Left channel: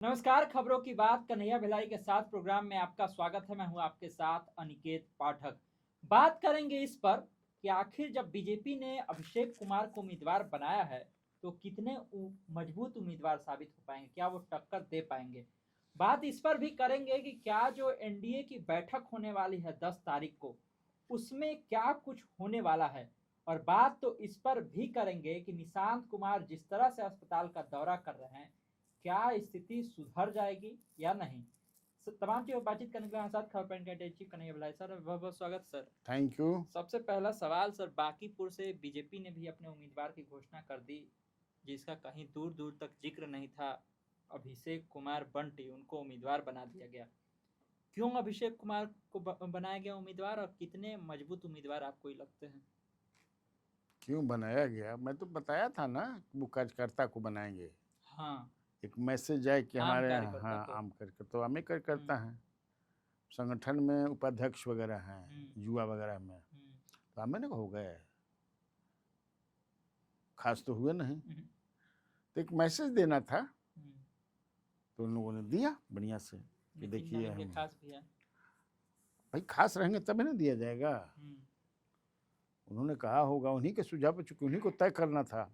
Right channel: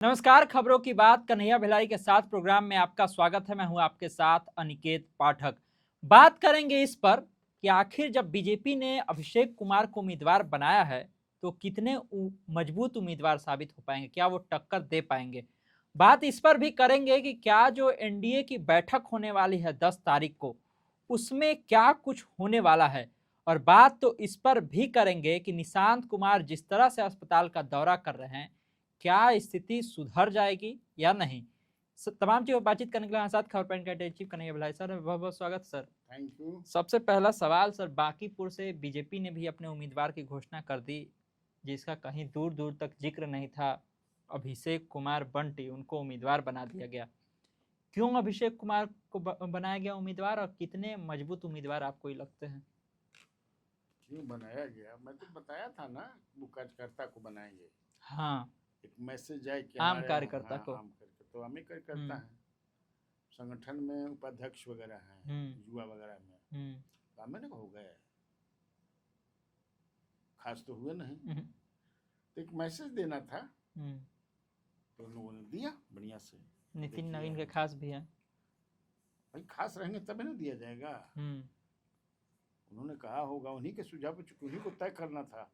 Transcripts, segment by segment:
नमस्कार, खबरों की बात कन्हैया भिलाई के साथ प्रोग्राम में आपका स्वागत है। मैं हूं आपके साथ अनिकेत पाठक। बात करेंगे इस पर कि आखिर जब बीजेपी ने अभिषेक कुमार को उम्मीदवार बनाया है तो कितने मजबूत उम्मीदवार साबित हो पाएंगे, क्या वो टक्कर दे पाएंगे। बात इस पर भी करेंगे कि क्या जो एनडीए की बैठक होने वाली है 10 तारीख को, उसमें क्या कुछ होने वाला है। और बात तो इस पर भी करेंगे कि निशांत कुमार जिस तरह से अस्पताल का दौरा कर रहे हैं, क्या स्थिति सुधर जाएगी या नहीं। तमाम चीज़ों पर बातचीत करने के लिए हमारे साथ खबर पॉइंट के चीफ कन्हैया भिलाई सर, बहुत बहुत स्वागत सर। Thank you. सबसे पहला सवाल सर, बांकीपुर से बीजेपी ने भी अपने उम्मीदवार की घोषणा कर दी, जिसका कहीं दूर दूर तक जिक्र नहीं था। अभिषेक कुमार बंटी, उनको उम्मीदवार बना दिया गया। क्यों अभिषेक कुमार को बनाया गया उम्मीदवार, और कितने मजबूत उम्मीदवार आपको ये लगते हैं? क्यों बनाया गया, मैं तो बताया था ना, वो कार्यकर्ता को बनाएंगे। हाँ, एक मैसेज आए कि आम हमारे कार्यकर्ता हाँ को। आम करके तो आम ही कार्यकर्ता हैं। संगठन में उपाध्यक्ष वगैरह हैं, युवा वगैरह में, तो हमें ना हो गए, खास तो हुए नहीं। तो एक मैसेज देना था, तो उन लोगों ने दिया बढ़िया से। नितिन नवीन के खास भी हैं। भाई खास रहेंगे तभी ना दिया जाएगा। उन्होंने कहा होगा, उन्हीं के सुझाव पर, चूंकि उन्हीं को तय करना था,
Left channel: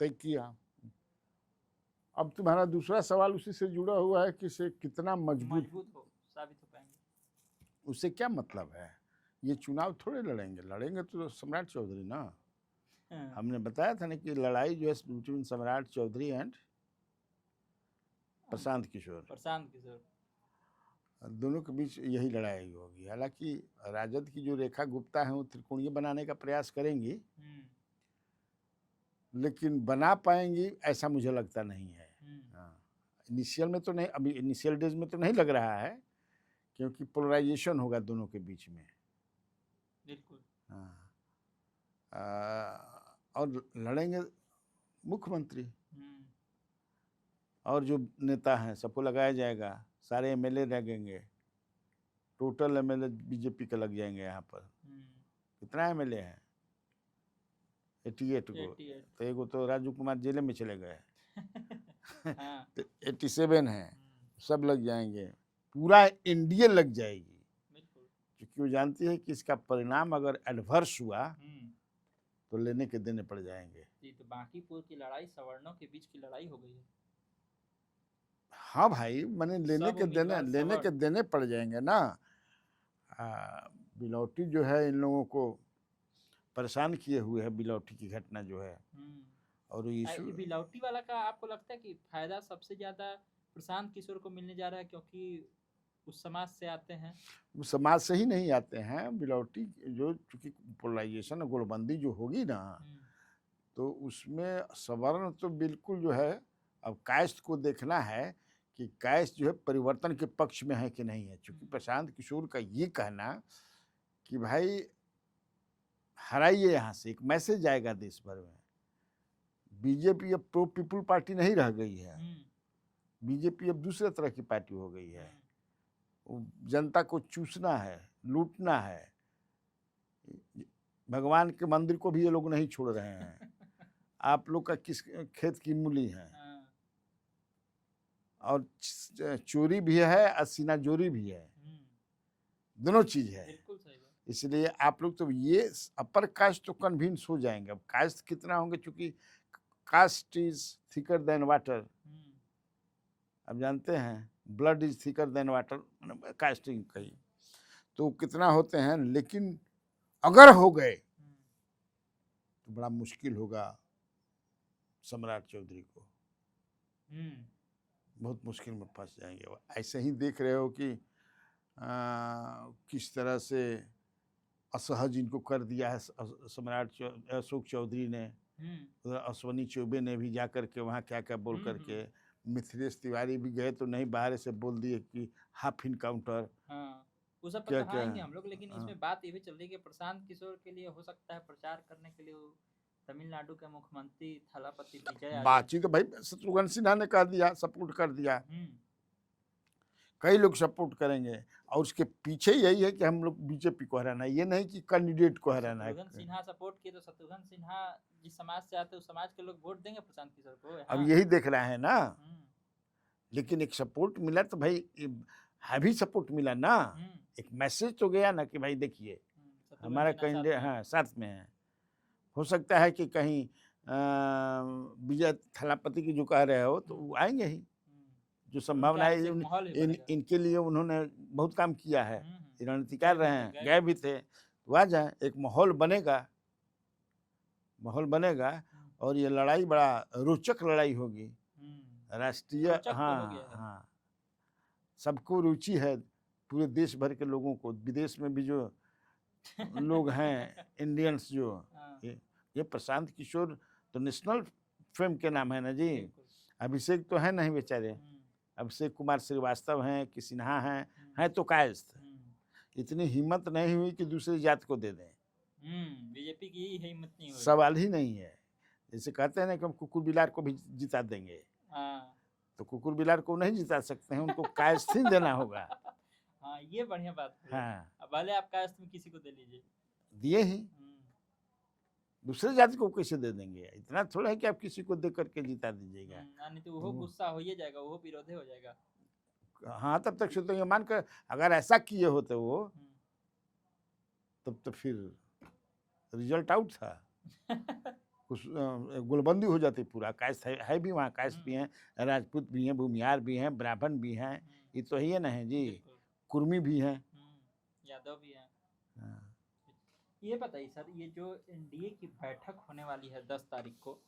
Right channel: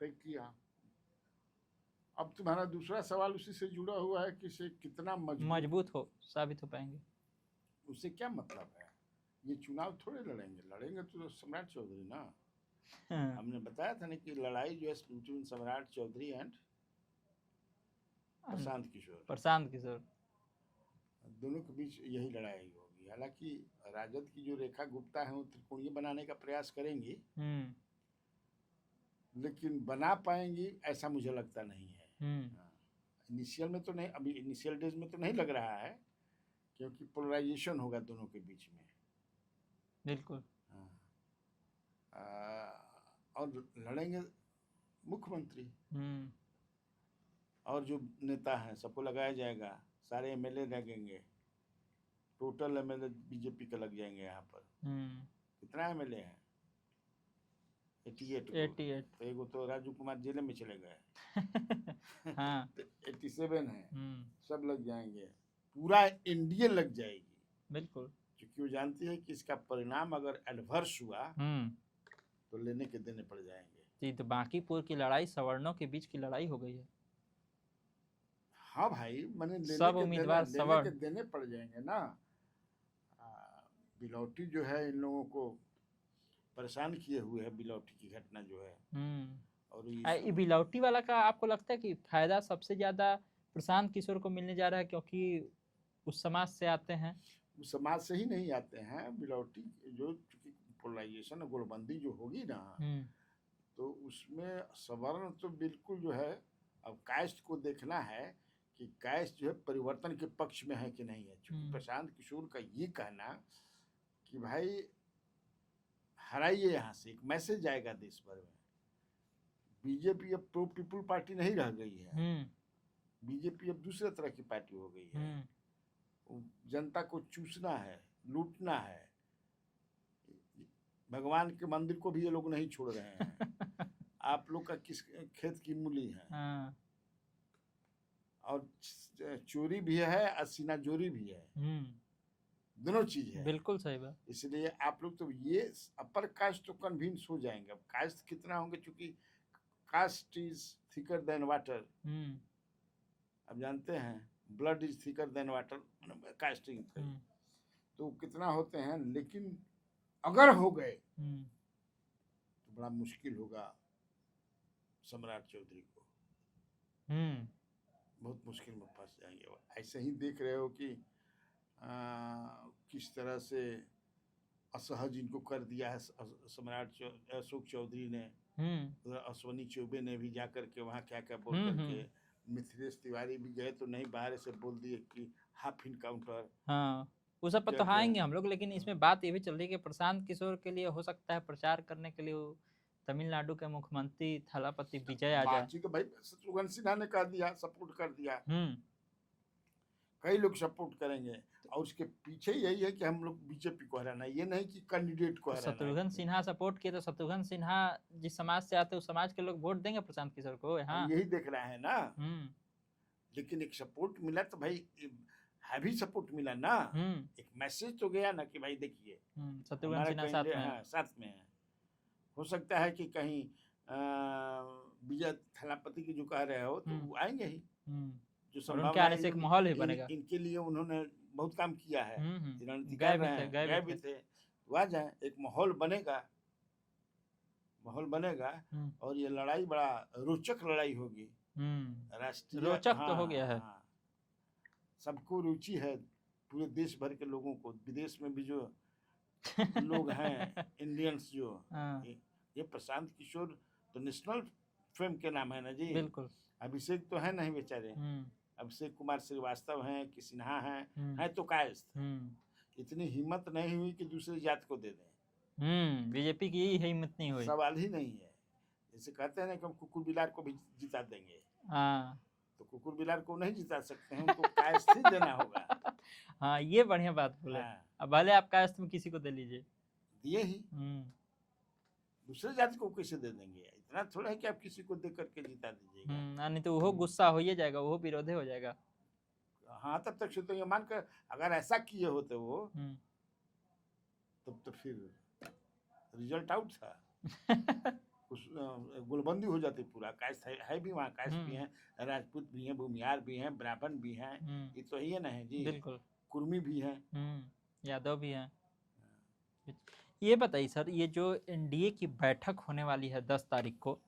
तय किया। अब तुम्हारा दूसरा सवाल उसी से जुड़ा हुआ है कि से कितना मजबूत हो साबित हो पाएंगे। उससे क्या मतलब है? ये चुनाव थोड़े लड़ेंगे तो सम्राट चौधरी ना। हमने बताया था ना कि लड़ाई जो है बिटवीन सम्राट चौधरी एंड प्रशांत किशोर, दोनों के बीच यही लड़ाई होगी। हालांकि राजद की जो रेखा गुप्ता है वो त्रिकोणीय बनाने का प्रयास करेंगी, लेकिन बना पाएंगी ऐसा मुझे लगता नहीं है। इनिशियल में तो नहीं, अभी इनिशियल डेज में तो नहीं लग रहा है, क्योंकि पोलराइजेशन होगा दोनों के बीच में। बिल्कुल। और लड़ेंगे मुख्यमंत्री, और जो नेता हैं सबको लगाया जाएगा, सारे एमएलए लगेंगे। टोटल एमएलए बीजेपी के लग जाएंगे यहाँ पर। कितना एमएलए हैं? 88 को। तो एगो तो राजू कुमार जेल में चले गए। हाँ। तो 87 है, सब लग जाएंगे, पूरा एनडीए लग जाएगी। बिल्कुल, क्योंकि वो जानती है कि इसका परिणाम अगर एडवर्स हुआ तो लेने के देने पड़ जाएंगे। जी, तो बांकीपुर की लड़ाई सवर्णों के बीच की लड़ाई हो गई है। हाँ भाई, मैंने लेने के देने पड़ जाएंगे ना। बिलौटी जो है इन लोगों को परेशान किए हुए है, बिलौटी की घटना जो है। और ये बिलौटी वाला का आपको लगता है कि फायदा सबसे ज्यादा प्रशांत किशोर को मिलने जा रहा है, क्योंकि उस समाज से आते हैं? उस समाज से ही नहीं आते हैं बिलौटी, जो चूंकि पोलराइजेशन और गोलबंदी जो होगी ना, तो उसमें सवर्ण तो बिल्कुल जो है, अब कास्ट को देखना है कि कास्ट जो है परिवर्तन के पक्ष में है कि नहीं है। चूंकि प्रशांत किशोर का ये कहना कि भाई हराइए, यहाँ से एक मैसेज आएगा देश भर में। बीजेपी अब प्रो पीपुल पार्टी नहीं रह गई है, बीजेपी अब दूसरे तरह की पार्टी हो गई है। जनता को चूसना है, लूटना है। भगवान के मंदिर को भी ये लोग नहीं छोड़ रहे हैं। आप लोग का किस खेत की मूली है, और चोरी भी है और सीना जोरी भी है, दोनों चीज है। बिल्कुल सही बात। इसलिए आप लोग तो ये अपर कास्ट तो कन्विंस हो जाएंगे। अब कास्ट कितना होंगे, चूंकि caste is thicker than water. अब जानते हैं blood is thicker than water, casting कही तो कितना होते हैं। लेकिन अगर हो गए तो बड़ा मुश्किल होगा सम्राट चौधरी को, बहुत मुश्किल में फंस जाएंगे। ऐसे ही देख रहे हो कि किस तरह से असहज इनको कर दिया है सम्राट अशोक चौधरी ने। अश्वनी चौबे ने भी जा करके वहाँ क्या क्या बोल करके, मिथिलेश तिवारी भी गए तो नहीं, बाहर से बोल दिए कि हाफ इनकाउंटर। उस सब पर तो आएंगे हम लोग, लेकिन इसमें बात ये भी चल रही है कि प्रशांत किशोर के लिए हो सकता है प्रचार करने के लिए तमिलनाडु के मुख्यमंत्री थलापति विजय आ जाए। बातचीत तो भाई शत्रुघ्न सिन्हा ने कर दिया, सपोर्ट कर दिया। कई लोग सपोर्ट करेंगे, और उसके पीछे यही है कि हम लोग बीजेपी को हराना, ये नहीं कि कैंडिडेट को हराना है। शत्रुघ्न सिन्हा सपोर्ट किए तो शत्रुघ्न सिन्हा जिस समाज से आते हैं उस समाज के लोग वोट देंगे प्रशांत किशोर को। अब यही देख रहे हैं ना, लेकिन एक सपोर्ट मिला तो भाई हैवी सपोर्ट मिला ना, एक मैसेज तो गया ना कि भाई देखिए हमारा कैंडिडेट हाँ साथ में है। हो सकता है कि कहीं विजय थलापति की जो कह रहे हो तो वो आएंगे ही, जो संभावना है माहौल ही बनेगा। इनके लिए उन्होंने बहुत काम किया है, रणनीति कर रहे हैं, गए भी थे, तो आ जाए, एक माहौल बनेगा, माहौल बनेगा और ये लड़ाई बड़ा रोचक लड़ाई होगी, राष्ट्रीय हो गया है। हाँ, सबको रुचि है, पूरे देश भर के लोगों को, विदेश में भी जो लोग हैं इंडियंस जो ये प्रशांत किशोर तो नेशनल फिल्म के नाम है ना जी, अभिषेक तो है नहीं बेचारे, अभिषेक कुमार श्रीवास्तव हैं कि सिन्हा हैं तो कायस्थ, इतनी हिम्मत नहीं हुई कि दूसरी जात को दे दें। बीजेपी की यही हिम्मत नहीं हुई, सवाल ही नहीं है। जैसे कहते हैं ना कि हम कुकुर बिलार को भी जिता देंगे, तो कुकुर बिलार को नहीं जिता सकते हैं, उनको कायस्थ ही देना होगा। हाँ ये बढ़िया बात बोले। हाँ। अब भले आप कायस्थ में किसी को दे लीजिए, दिए ही दूसरे जाति को कैसे दे देंगे, इतना थोड़ा है कि आप किसी को दे करके जिता दीजिएगा, नहीं तो वो गुस्सा हो ही जाएगा, वो विरोधी हो जाएगा। हाँ तब तक तो ये मानकर अगर ऐसा किए होते वो तब तो फिर रिजल्ट आउट था। कुछ गुलबंदी हो जाती पूरा, कायस्थ है भी वहाँ, कायस्थ भी हैं, राजपूत भी हैं, भूमिहार भी हैं, ब्राह्मण भी हैं, ये तो ही ना है जी, कुर्मी भी हैं, यादव भी हैं। ये बताइए सर, ये जो एनडीए की बैठक होने वाली है 10 तारीख को,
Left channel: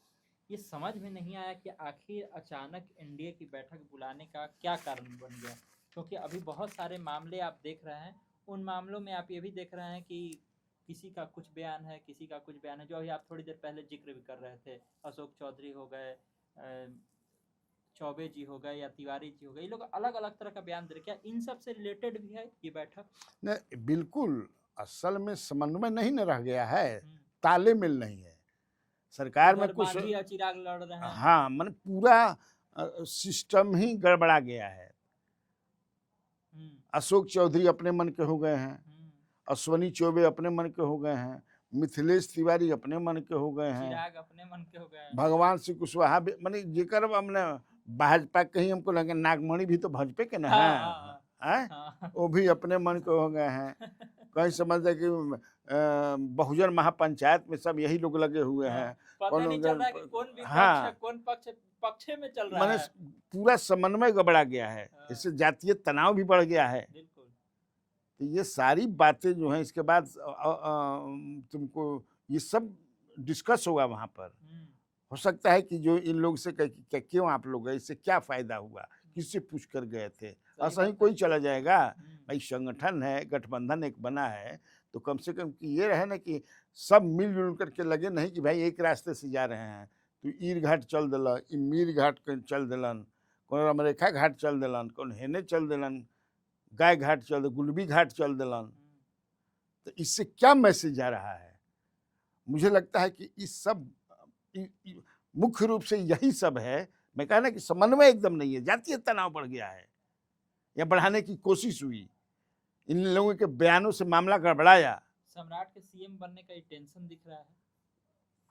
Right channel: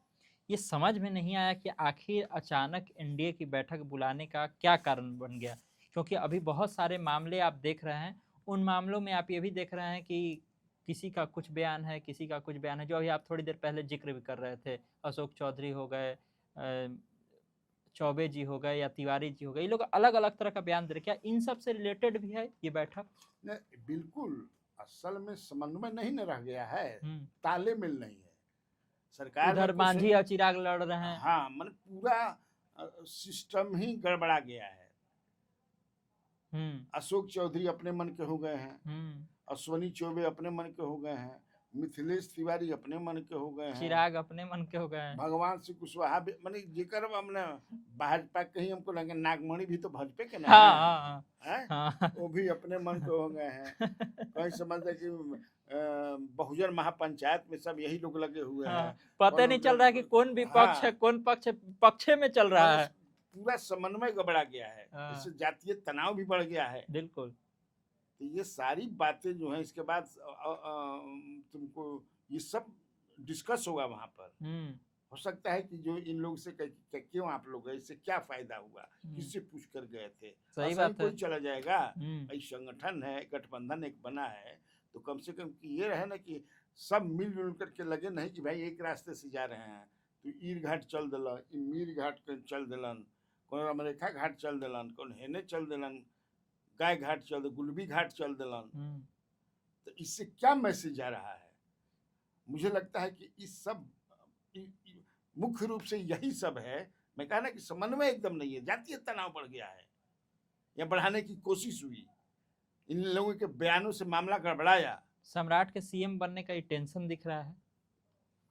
ये समझ में नहीं आया कि आखिर अचानक एनडीए की बैठक बुलाने का क्या कारण बन गया, क्योंकि अभी बहुत सारे मामले आप देख रहे हैं, उन मामलों में आप ये भी देख रहे हैं कि किसी का कुछ बयान है, किसी का कुछ बयान है, जो अभी आप थोड़ी देर पहले जिक्र भी कर रहे थे, अशोक चौधरी हो गए, चौबे जी हो गए या तिवारी जी हो गए, ये लोग अलग अलग तरह का बयान दे रहे, क्या इन सब से रिलेटेड भी है ये बैठक? नहीं बिल्कुल, असल में समन्वय नहीं न रह गया है, तालमेल नहीं है सरकार में, मांझी और चिराग लड़ रहे हैं। हाँ मतलब पूरा सिस्टम ही गड़बड़ा गया है। अशोक चौधरी अपने मन के हो गए हैं, अश्वनी चौबे अपने मन के हो गए हैं, मिथिलेश तिवारी अपने मन के हो गए हैं, चिराग अपने मन के हो गए हैं, भगवान सिंह कुशवाहा माने जेकर हमने भाजपा कहीं हमको लगे नागमणि भी तो भाजपा के ना है, वो भी अपने मन के हो गए हैं। कहीं समझ जाए कि बहुजन महापंचायत में सब यही लोग लगे हुए हैं, पता नहीं चल रहा है कि कौन विपक्ष है, कौन पक्ष में चल रहा है, पूरा समन्वय गड़बड़ा गया है, इससे जातीय तनाव भी बढ़ गया है। बिल्कुल, तो ये सारी बातें जो हैं इसके बाद तुमको ये सब डिस्कस होगा वहां पर। हो सकता है कि जो इन लोग से क्यों आप लोग गए, इससे क्या फायदा हुआ, किससे पूछ कर गए थे, ऐसा ही कोई चला जाएगा भाई, संगठन है, गठबंधन एक बना है, तो कम से कम ये रहे ना कि सब मिलजुल करके लगे, नहीं कि भाई एक रास्ते से जा रहे हैं तो ईर घाट चल दिलन, मीर घाट चल दिलन, कौन अमरेखा घाट चल दिलन, कौन हेने चल दिलन, गाय घाट चल दे, गुलबी घाट चल दिलन, तो इससे क्या मैसेज आ रहा है? मुझे लगता है कि इस सब मुख्य रूप से यही सब है। मैं कहा ना कि समन्वय एकदम नहीं है, जातीय तनाव बढ़ गया है या बढ़ाने की कोशिश हुई, इन लोगों के बयानों से मामला गड़बड़ाया। सम्राट के सीएम बनने का टेंशन दिख रहा है,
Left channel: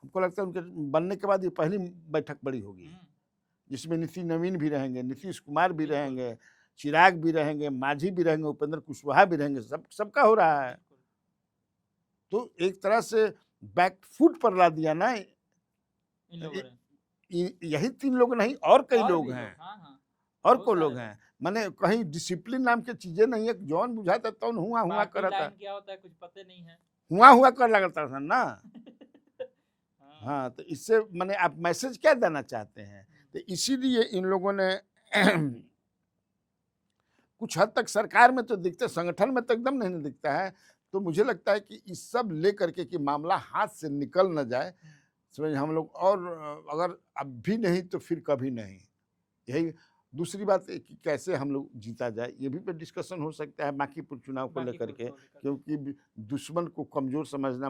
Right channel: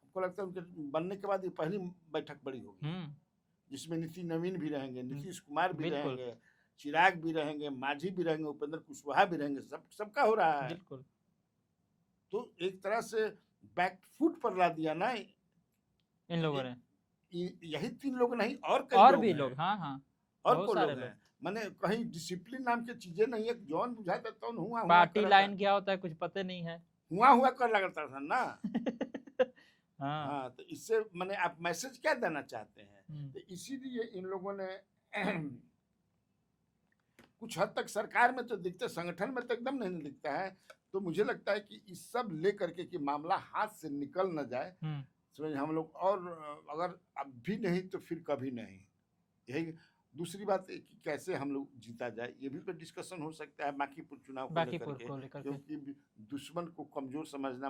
हमको लगता है उनके बनने के बाद ये पहली बैठक बड़ी होगी जिसमें नीति नवीन भी रहेंगे, नीतीश कुमार भी रहेंगे, चिराग भी रहेंगे, मांझी भी रहेंगे, उपेंद्र कुशवाहा भी रहेंगे, सबका हो रहा है। तो एक तरह से बैक फुट पर ला दिया ना इन लोगों ने, यही 3 लोग नहीं और कई लोग हैं, और को लोग हैं, माने कहीं डिसिप्लिन नाम की चीजें नहीं है, जौन बुझाता तो हुआ कर लाइन क्या होता है कुछ पता नहीं है, हुआ कर लगता था ना। हाँ तो इससे माने आप मैसेज क्या देना चाहते हैं, तो इसीलिए इन लोगों ने कुछ हद तक सरकार में तो दिखते, संगठन में तो एकदम नहीं दिखता है। तो मुझे लगता है कि इस सब लेकर के कि मामला हाथ से निकल न जाए, समझ हम लोग, और अगर अब भी नहीं तो फिर कभी नहीं। यही दूसरी बात है कि कैसे हम लोग जीता जाए, ये भी तो डिस्कशन हो सकता है बांकीपुर चुनाव को लेकर के, क्योंकि दुश्मन को कमजोर समझना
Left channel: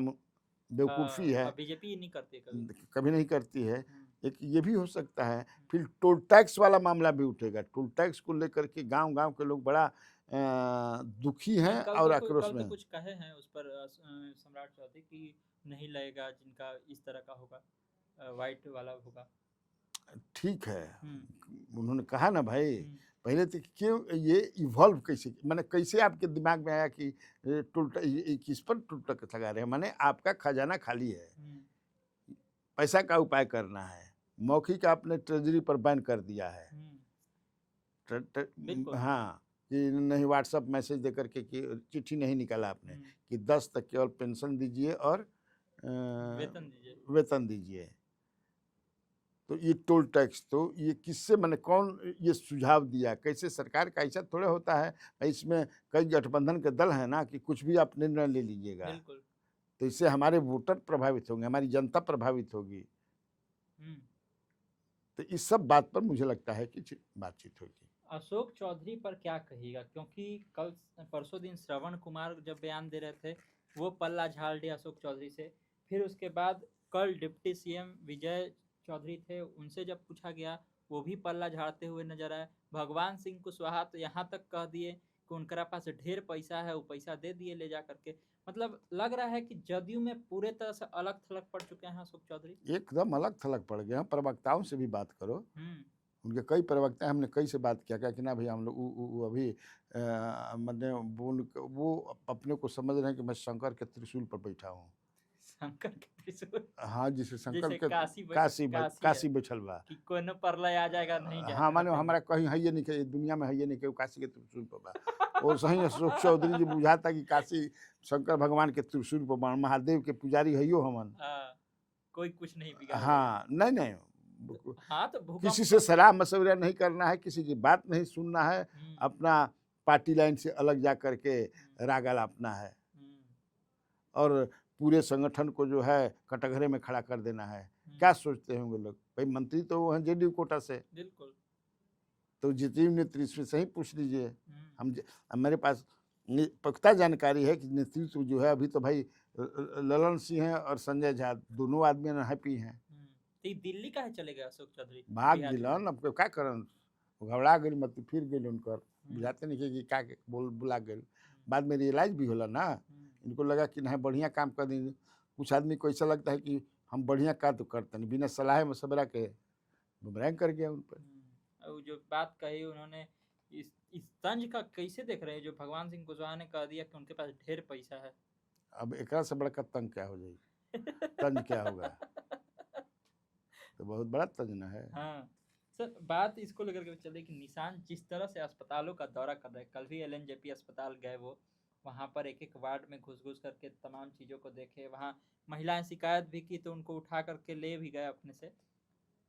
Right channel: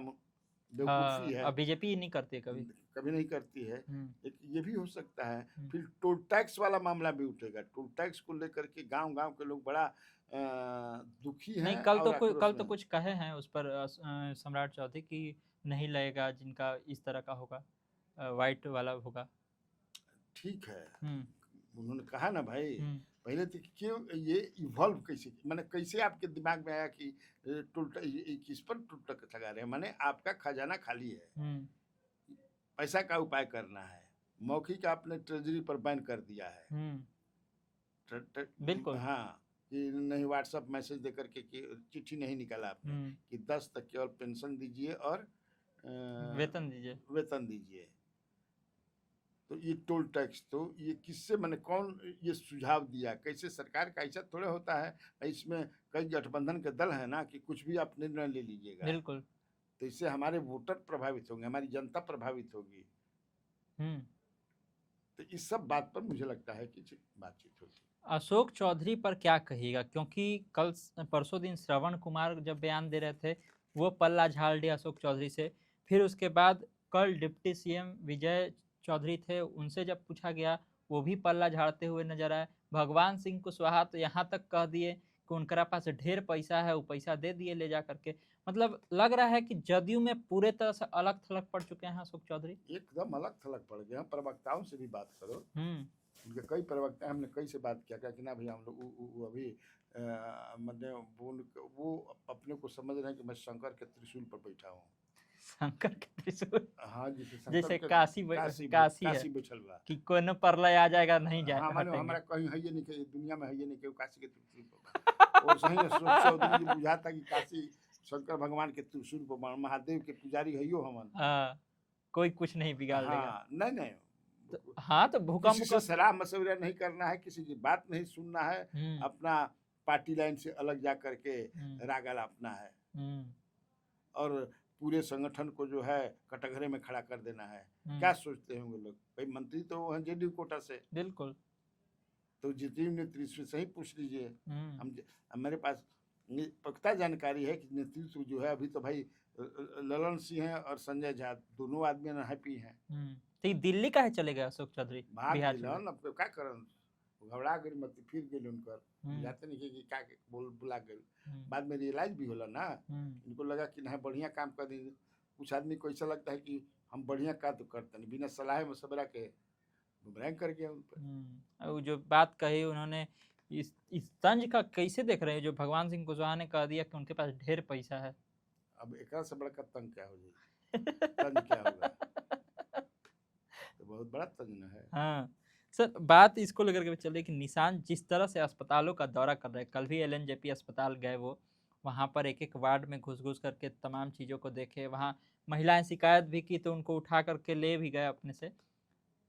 बेवकूफ़ी है, बीजेपी नहीं करती, कभी नहीं करती है। एक ये भी हो सकता है। फिर टोल टैक्स वाला मामला भी उठेगा, टोल टैक्स को लेकर के गांव के लोग बड़ा दुखी हैं। और कल तो कुछ कहे हैं उस पर सम्राट चौधरी कि नहीं लगेगा जिनका इस तरह का होगा, वाइट वाला होगा। ठीक है, उन्होंने कहा ना भाई, हम्म, पहले तो क्यों ये इवॉल्व कैसे, माने कैसे आपके दिमाग में आया कि किस पर टूटक लगा रहे हैं, माने आपका खजाना खाली है, हम्म, पैसा का उपाय करना है, मौखिक आपने ट्रेजरी पर बैन कर दिया है। हम्म, बिल्कुल। हाँ, कि नहीं व्हाट्सएप मैसेज दे करके कि चिट्ठी नहीं निकाला आपने हम्म, कि 10 तक केवल पेंशन दीजिए और वेतन दीजिए। वेतन दीजिए। तो ये टोल टैक्स तो ये किससे, मैंने कौन ये सुझाव दिया, कैसे सरकार का ऐसा थोड़ा होता है, इसमें कई गठबंधन के दल हैं ना कि कुछ भी आप निर्णय ले लीजिएगा, बिल्कुल। तो इससे हमारे वोटर प्रभावित होंगे, हमारी जनता प्रभावित होगी। हम्म। तो इस सब बात पर मुझे लगता है कि बातचीत होगी। अशोक चौधरी पर क्या कहिएगा, क्योंकि परसों दिन श्रवण कुमार जब बयान दे रहे थे वो पल्ला झाड़ दिया अशोक चौधरी से। फिर उसके बाद कल डिप्टी सीएम विजय चौधरी थे, उनसे जब पूछा गया वो भी पल्ला झाड़ते हुए नजर आए। भगवान सिंह कुशवाहा तो यहाँ तक कह दिए कि उनका पास ढेर पैसा है, वो पैसा दे दिए ले जा करके। मतलब लग रहा है कि जदयू में पूरे तरह से अलग थलग पड़ चुके हैं अशोक चौधरी। एकदम अलग थलग पड़ गए हैं। प्रवक्ताओं से भी बात करो, हम्म, उनके कई प्रवक्ता हैं, हमने कई से बात किया, क्या कि ना भैया हम लोग वो अभी मैंने वो अपने को समझ रहे हैं कि मैं शंकर के त्रिशूल पर बैठा हूँ। शंकर के त्रिशूल। हाँ, जैसे शंकर जैसे के काशी है काशी बैठल बा। कि कोनो परलय आ जाएगा, नहीं जा हाँ, माने हटेंगे। हमारा कहीं है ये नहीं कि दुनिया में है ये नहीं कि वो काशी के त्रिशूल पर बा। और सही अशोक चौधरी जी बुझाता कि काशी शंकर भगवान के त्रिशूल पर बा, महादेव के पुजारी हइयो हमन। हाँ, कोई कुछ नहीं बिगाड़ लेगा। हाँ, नहीं नहीं, हाँ, तो किसी भूकंप से सलाह मशवरा नहीं करना है, किसी की बात नहीं सुनना है, हम्म, अपना पार्टी लाइन से अलग जा करके हम्म, राग अलापना है हम्म, और पूरे संगठन को जो है कटघरे में खड़ा कर देना है। हम्म, क्या सोचते होंगे लोग, भाई मंत्री तो वो हैं जेडीयू कोटा से, बिल्कुल। तो जितेंद्र नेतृत्व से ही पूछ लीजिए। हम्म, अब मेरे पास पुख्ता जानकारी है कि नेतृत्व जो है अभी तो भाई ललन सिंह हैं और संजय झा दोनों आदमी हैप्पी हैं। तो ये दिल्ली का है चलेगा अशोक चौधरी भाग बिहार छोड़ के? दिलन, अब क्या करन, घबरा गई, मत फिर गई उनकर, हम्म, बुझाते नहीं कि क्या बुला गई। हम्म, बाद में रियलाइज भी होला ना, हम्म, इनको लगा कि नहीं बढ़िया काम कर देंगे। कुछ आदमी को ऐसा लगता है कि हम बढ़िया काम तो करते नहीं, बिना सलाह मशवरा के गुमराह कर गया उन पर। और वो जो बात कही उन्होंने, इस तंज का कैसे देख रहे हैं जो भगवान सिंह कुशवाहा ने कह दिया कि उनके पास ढेर पैसा है? अब एक से बड़ा तंग क्या हो जाएगी, तंज क्या होगा, तो बहुत बड़ा तंज ना है। हाँ सर, बात इसको लेकर के चले कि निशान जिस तरह से अस्पतालों का दौरा कर रहे हैं, कल भी एलएनजेपी अस्पताल गए वो, वहाँ पर एक एक वार्ड में घुस घुस करके तमाम चीज़ों को देखे, वहाँ महिलाएं शिकायत भी की तो उनको उठा करके ले भी गए अपने से।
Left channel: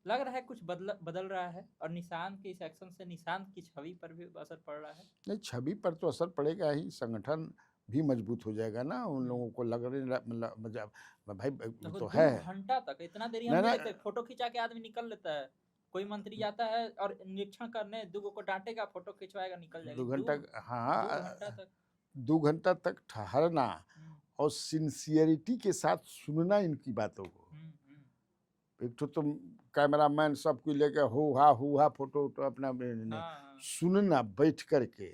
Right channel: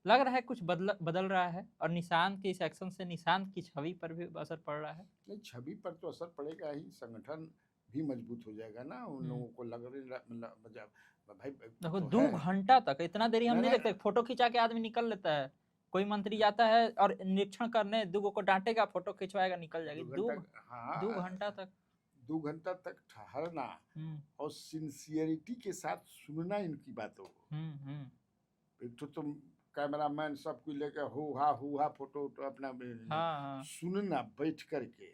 लग रहा है कुछ बदल बदल रहा है, और निशान के इस एक्शन से निशान की छवि पर भी असर पड़ रहा है। नहीं, छवि पर तो असर पड़ेगा ही, संगठन भी मजबूत हो जाएगा ना, उन लोगों को लग रही मतलब भाई वो देखो तो दो है। घंटा तक, इतना देरी हम नहीं नहीं नहीं, देखते, फोटो खिंचा के आदमी निकल लेता है। कोई मंत्री जाता है और निरीक्षण करने, दूगो को डांटेगा, फोटो खिंचवाएगा, निकल जाएगी। 2 घंटा, 2 घंटा हाँ, तक। 2 घंटा तक ठहरना हम्म, और सिंसियरिटी के साथ सुनना इनकी बातों को। हम्म, हम्म, एक तो तुम कैमरामैन सब कुछ लेके हु हा फोटो तो अपना हाँ, हाँ, सुनना बैठ करके,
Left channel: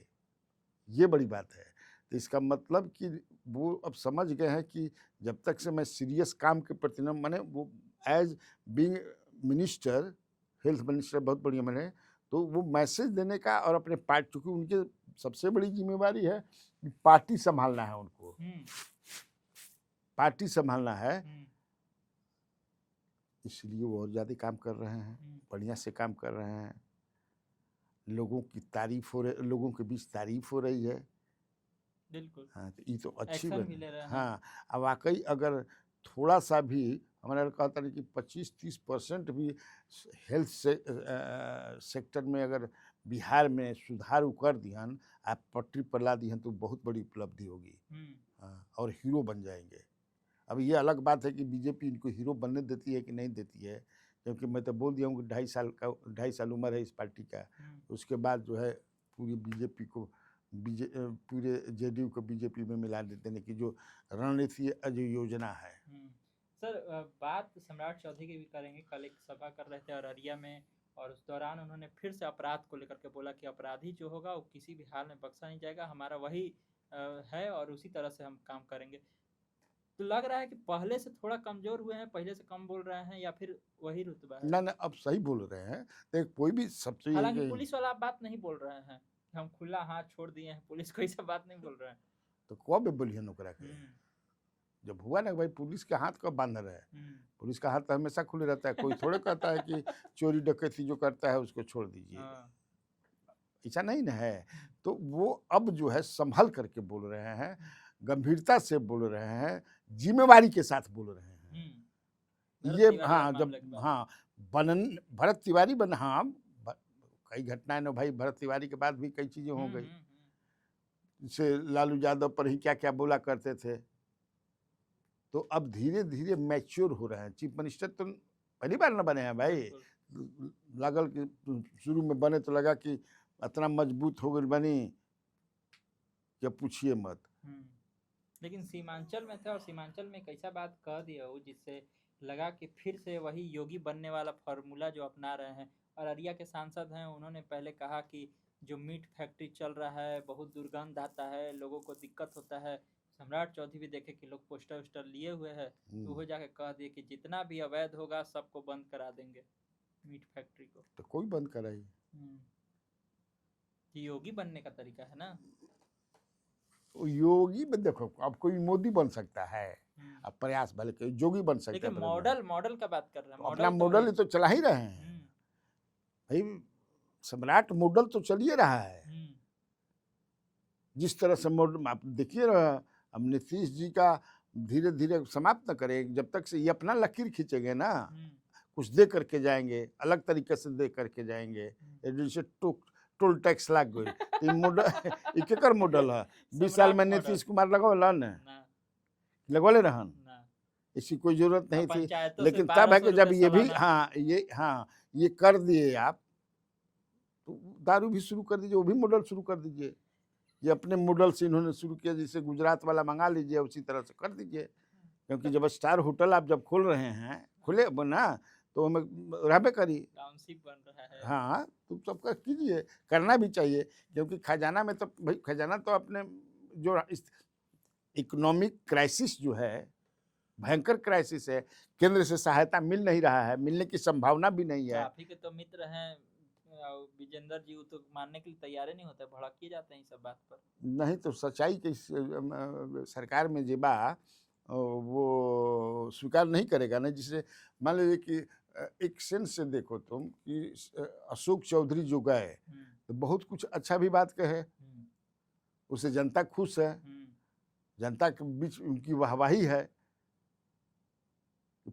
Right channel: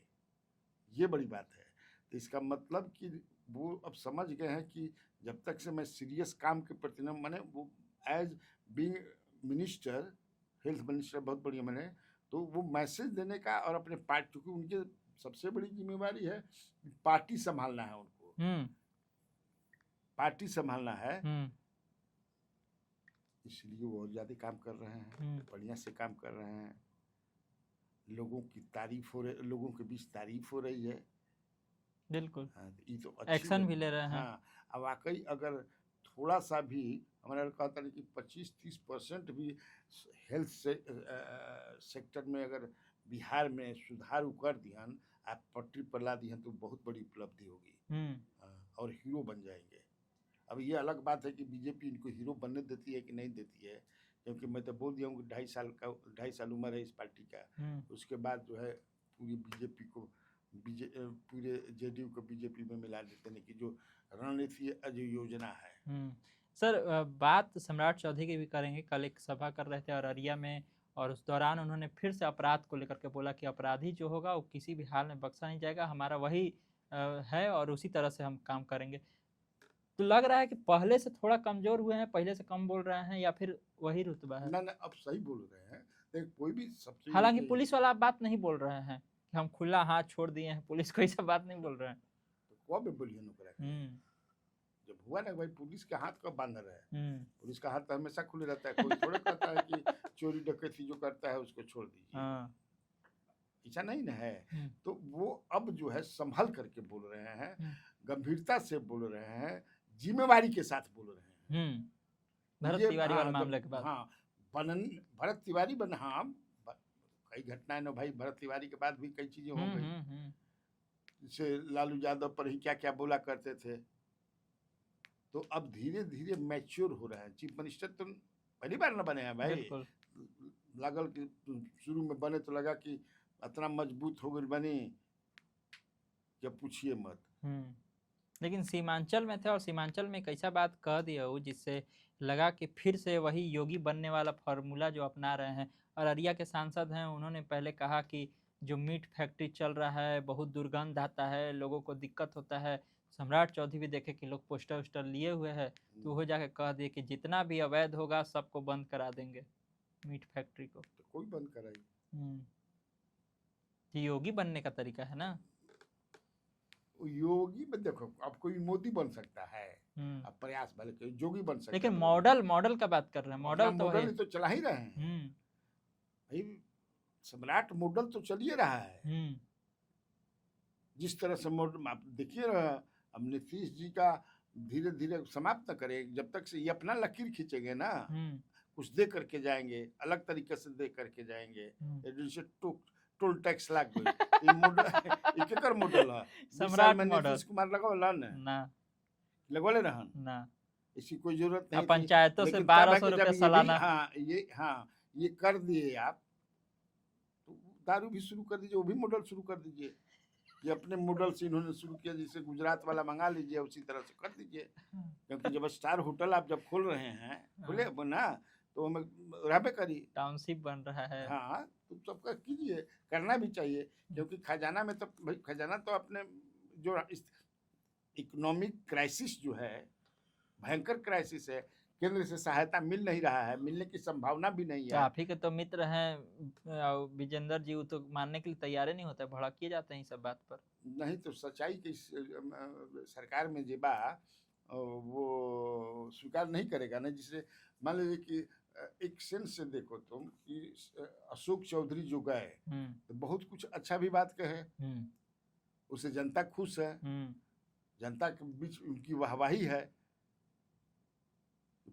ये बड़ी बात है। तो इसका मतलब कि वो अब समझ गए हैं कि जब तक से मैं सीरियस काम के प्रति न, मैंने वो as being minister, health minister बहुत बढ़िया मैंने, तो वो मैसेज देने का और अपने पार्टी, क्योंकि उनकी सबसे बड़ी जिम्मेवारी है कि पार्टी संभालना है उनको, हम्म, पार्टी संभालना है, हम्म, इसलिए वो और ज़्यादा काम कर रहे हैं, बढ़िया से काम कर रहे हैं, लोगों की तारीफ हो रही, लोगों के बीच तारीफ हो रही है। बिल्कुल। हाँ, तो ये तो अच्छी एक्शन बात भी है। ले रहे हैं। हाँ, अब वाकई अगर थोड़ा सा भी हमारा कहता है कि 25-30% भी हेल्थ से सेक्टर में अगर बिहार में सुधार कर दिहन, आप पटरी पर ला दिहन, तो बहुत बड़ी उपलब्धि होगी। हाँ, और हीरो बन जाएंगे। अब ये अलग बात है कि बीजेपी इनको हीरो बनने देती है कि नहीं देती है, क्योंकि मैं तो बोल दिया हूँ कि 2.5 साल उम्र है इस पार्टी का, उसके बाद जो है पूरी बीजेपी को पूरे जेडीयू को बीजेपी में मिला देते हैं, कि जो रणनीति जो योजना है। सर, बात सम्राट चौधरी की भी करेंगे। कल एक सभा कर रहे थे अररिया में, और उस दौरान उन्होंने फिर से अपराध को लेकर के बोला कि अपराधी जो होगा वो किसी भी हाल में बख्शा नहीं जाएगा, हमारा वही है और उसी तरह से हम काम करेंगे। तो लग रहा है कि पहले से थोड़ा कमजोर हुए हैं, पहले से कम बोल रहे हैं, या फिर वही रुतबा है? ना ना, अब सही बोल रहे हैं। तो कोई भी सबसे यही हालांकि कही, पुलिस वाला आप बात नहीं बोल रहे हैं कि हम खुला हाथ छोड़ दिए हैं, पुलिस कोई सब बात नहीं बोल रहे हैं। तो कब बोलिए नौकरा के, हम्म जब हुआ ना कि भाई पुलिस के हाथ कब बांध रहे हैं, हम्म पुलिस का हाथ तो हमेशा खुले रहता है। कोई थोड़े कहता है कि चोरी डकैती जो करता है उसको छोड़ दीजिए, हाँ ऐसा नहीं ना है। हम्म, तो वो अब जो है संभल करके बोल रहे हैं, हम्म, गंभीरता से बोल रहे हैं, जिम्मेवारी के साथ बोल रहे हैं। भरत ये तिवारी वाले हाँ, मामले के जब बाद। हाँ बनन भरत तिवारी बन, हाँ कई घटनाएं ना भाई, भरत तिवारी के बाद भी कई चीजें हो गई। जैसे लालू यादव पर ही क्या क्या बोला करते थे। तो अब धीरे धीरे मैच्योर हो रहे हैं। चीफ मिनिस्टर तो पहली बार ना बने हैं भाई, बिल्कुल। लागल कि शुरू में बने तो लगा कि इतना मजबूत हो गई बनी कि पूछिए मत। लेकिन सीमांचल में थे और सीमांचल में एक ऐसा बात कह दिया वो जिससे लगा कि फिर से वही योगी बनने वाला फार्मूला जो अपना रहे हैं। अररिया के सांसद हैं, उन्होंने पहले कहा कि जो मीट फैक्ट्री चल रहा है बहुत दुर्गंध आता है, लोगों को दिक्कत होता है। सम्राट चौधरी भी देखे कि लोग पोस्टर वोस्टर लिए हुए हैं, तो वो जाके कह दिए कि जितना भी अवैध होगा सबको बंद करा देंगे, मीट फैक्ट्री को। तो कोई बंद कराइए। ये योगी बनने का तरीका है ना। योगी में देखो, अब कोई मोदी बन सकता है, अब प्रयास भले कोई योगी बन सकता है, लेकिन मॉडल मॉडल का बात कर रहे हैं। अपना मॉडल तो मॉडल ही तो चला ही रहे हैं भाई। सम्राट मॉडल तो चल ही रहा है। जिस तरह से मॉडल आप देखिए ना, अब नीतीश जी का धीरे धीरे समाप्त न करें जब तक से ये अपना लकीर खींचेंगे ना, कुछ दे करके जाएंगे, अलग तरीके से दे करके जाएंगे। जैसे टोल टैक्स लाग गई, मॉडल केकर मॉडल है? 20 साल में नीतीश कुमार लगवाला ना, लगवाले रहन ना, इसकी कोई जरूरत नहीं थी। पंचायतों से लेकिन तब है 1200 कि जब रुपये ये भी सालाना। ये कर दिए आप, तो दारू भी शुरू कर दीजिए, वो भी मॉडल शुरू कर दीजिए। ये अपने मॉडल से इन्होंने शुरू किया, जैसे गुजरात वाला मंगा लीजिए, उसी तरह से कर दीजिए। क्योंकि जब स्टार होटल आप जब खोल रहे हैं, खुले बना तो हमें रहबे करी, टाउनशिप बन रहा है। हाँ तो सबका कीजिए, करना भी चाहिए। क्योंकि खजाना में तो भाई, खजाना तो अपने जो इकोनॉमिक क्राइसिस जो है, भयंकर क्राइसिस है, केंद्र से सहायता मिल नहीं रहा है, मिलने की संभावना भी नहीं है। आप ही के तो मित्र हैं विजेंद्र जी, वो तो मानने के लिए तैयार ही नहीं होते, भड़किए जाते हैं इस सब बात पर। नहीं तो सच्चाई के सरकार में जे बा वो स्वीकार नहीं करेगा ना। जिसे मान लीजिए कि एक सेंस से देखो तुम कि अशोक चौधरी जो गए तो बहुत कुछ अच्छा भी बात कहे, उससे जनता खुश है, जनता के बीच उनकी वाहवाही है।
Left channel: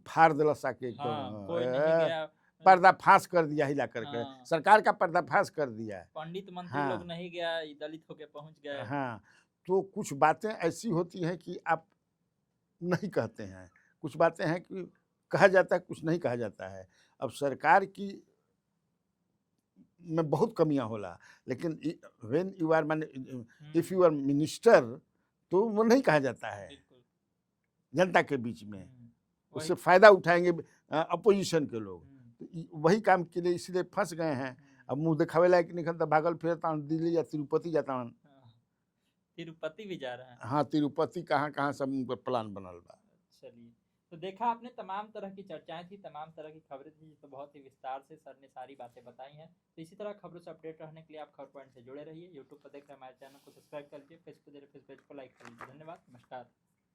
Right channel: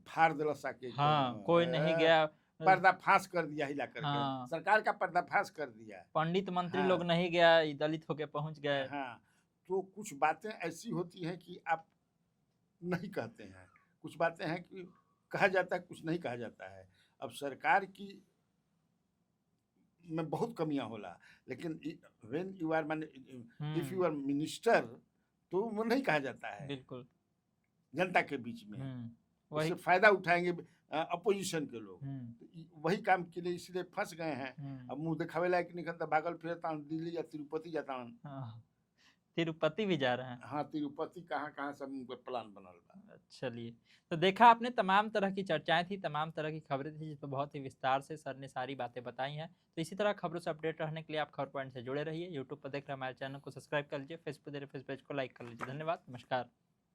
फाड़ दिला साके, हाँ, कोई नहीं गया, पर्दाफाश कर दिया हिला करके। हाँ, सरकार का पर्दाफाश कर दिया। पंडित मंत्री हाँ, लोग नहीं गया, दलित होके पहुंच गए। हाँ, तो कुछ बातें ऐसी होती हैं कि आप नहीं कहते हैं, कुछ बातें हैं कि कहा जाता है, कुछ नहीं कहा जाता है। अब सरकार की में बहुत कमियां होला, लेकिन व्हेन यू आर माने इफ यू आर मिनिस्टर तो वो नहीं कहा जाता है। बिल्कुल, जनता के बीच में उससे वही फायदा उठाएंगे अपोजिशन के लोग, तो वही काम के लिए इसलिए फंस गए हैं। अब मुंह दिखावे लायक नहीं खलता, भागल फिरता दिल्ली या तिरुपति जाता हूँ। तिरुपति भी जा रहे हैं। हाँ, तिरुपति कहाँ कहाँ सब उनका प्लान बनल बा। चलिए, तो देखा आपने, तमाम तरह की चर्चाएं थी, तमाम तरह की खबरें थी, जिस पर बहुत ही विस्तार से सर ने सारी बातें बताई हैं। तो इसी तरह खबरों से अपडेट रहने के लिए आप खबर पॉइंट से जुड़े रहिए। यूट्यूब पर देख रहे हमारे चैनल को सब्सक्राइब कर लीजिए, फेसबुक देख रहे फेस पेज को लाइक कर लीजिए। धन्यवाद, नमस्कार।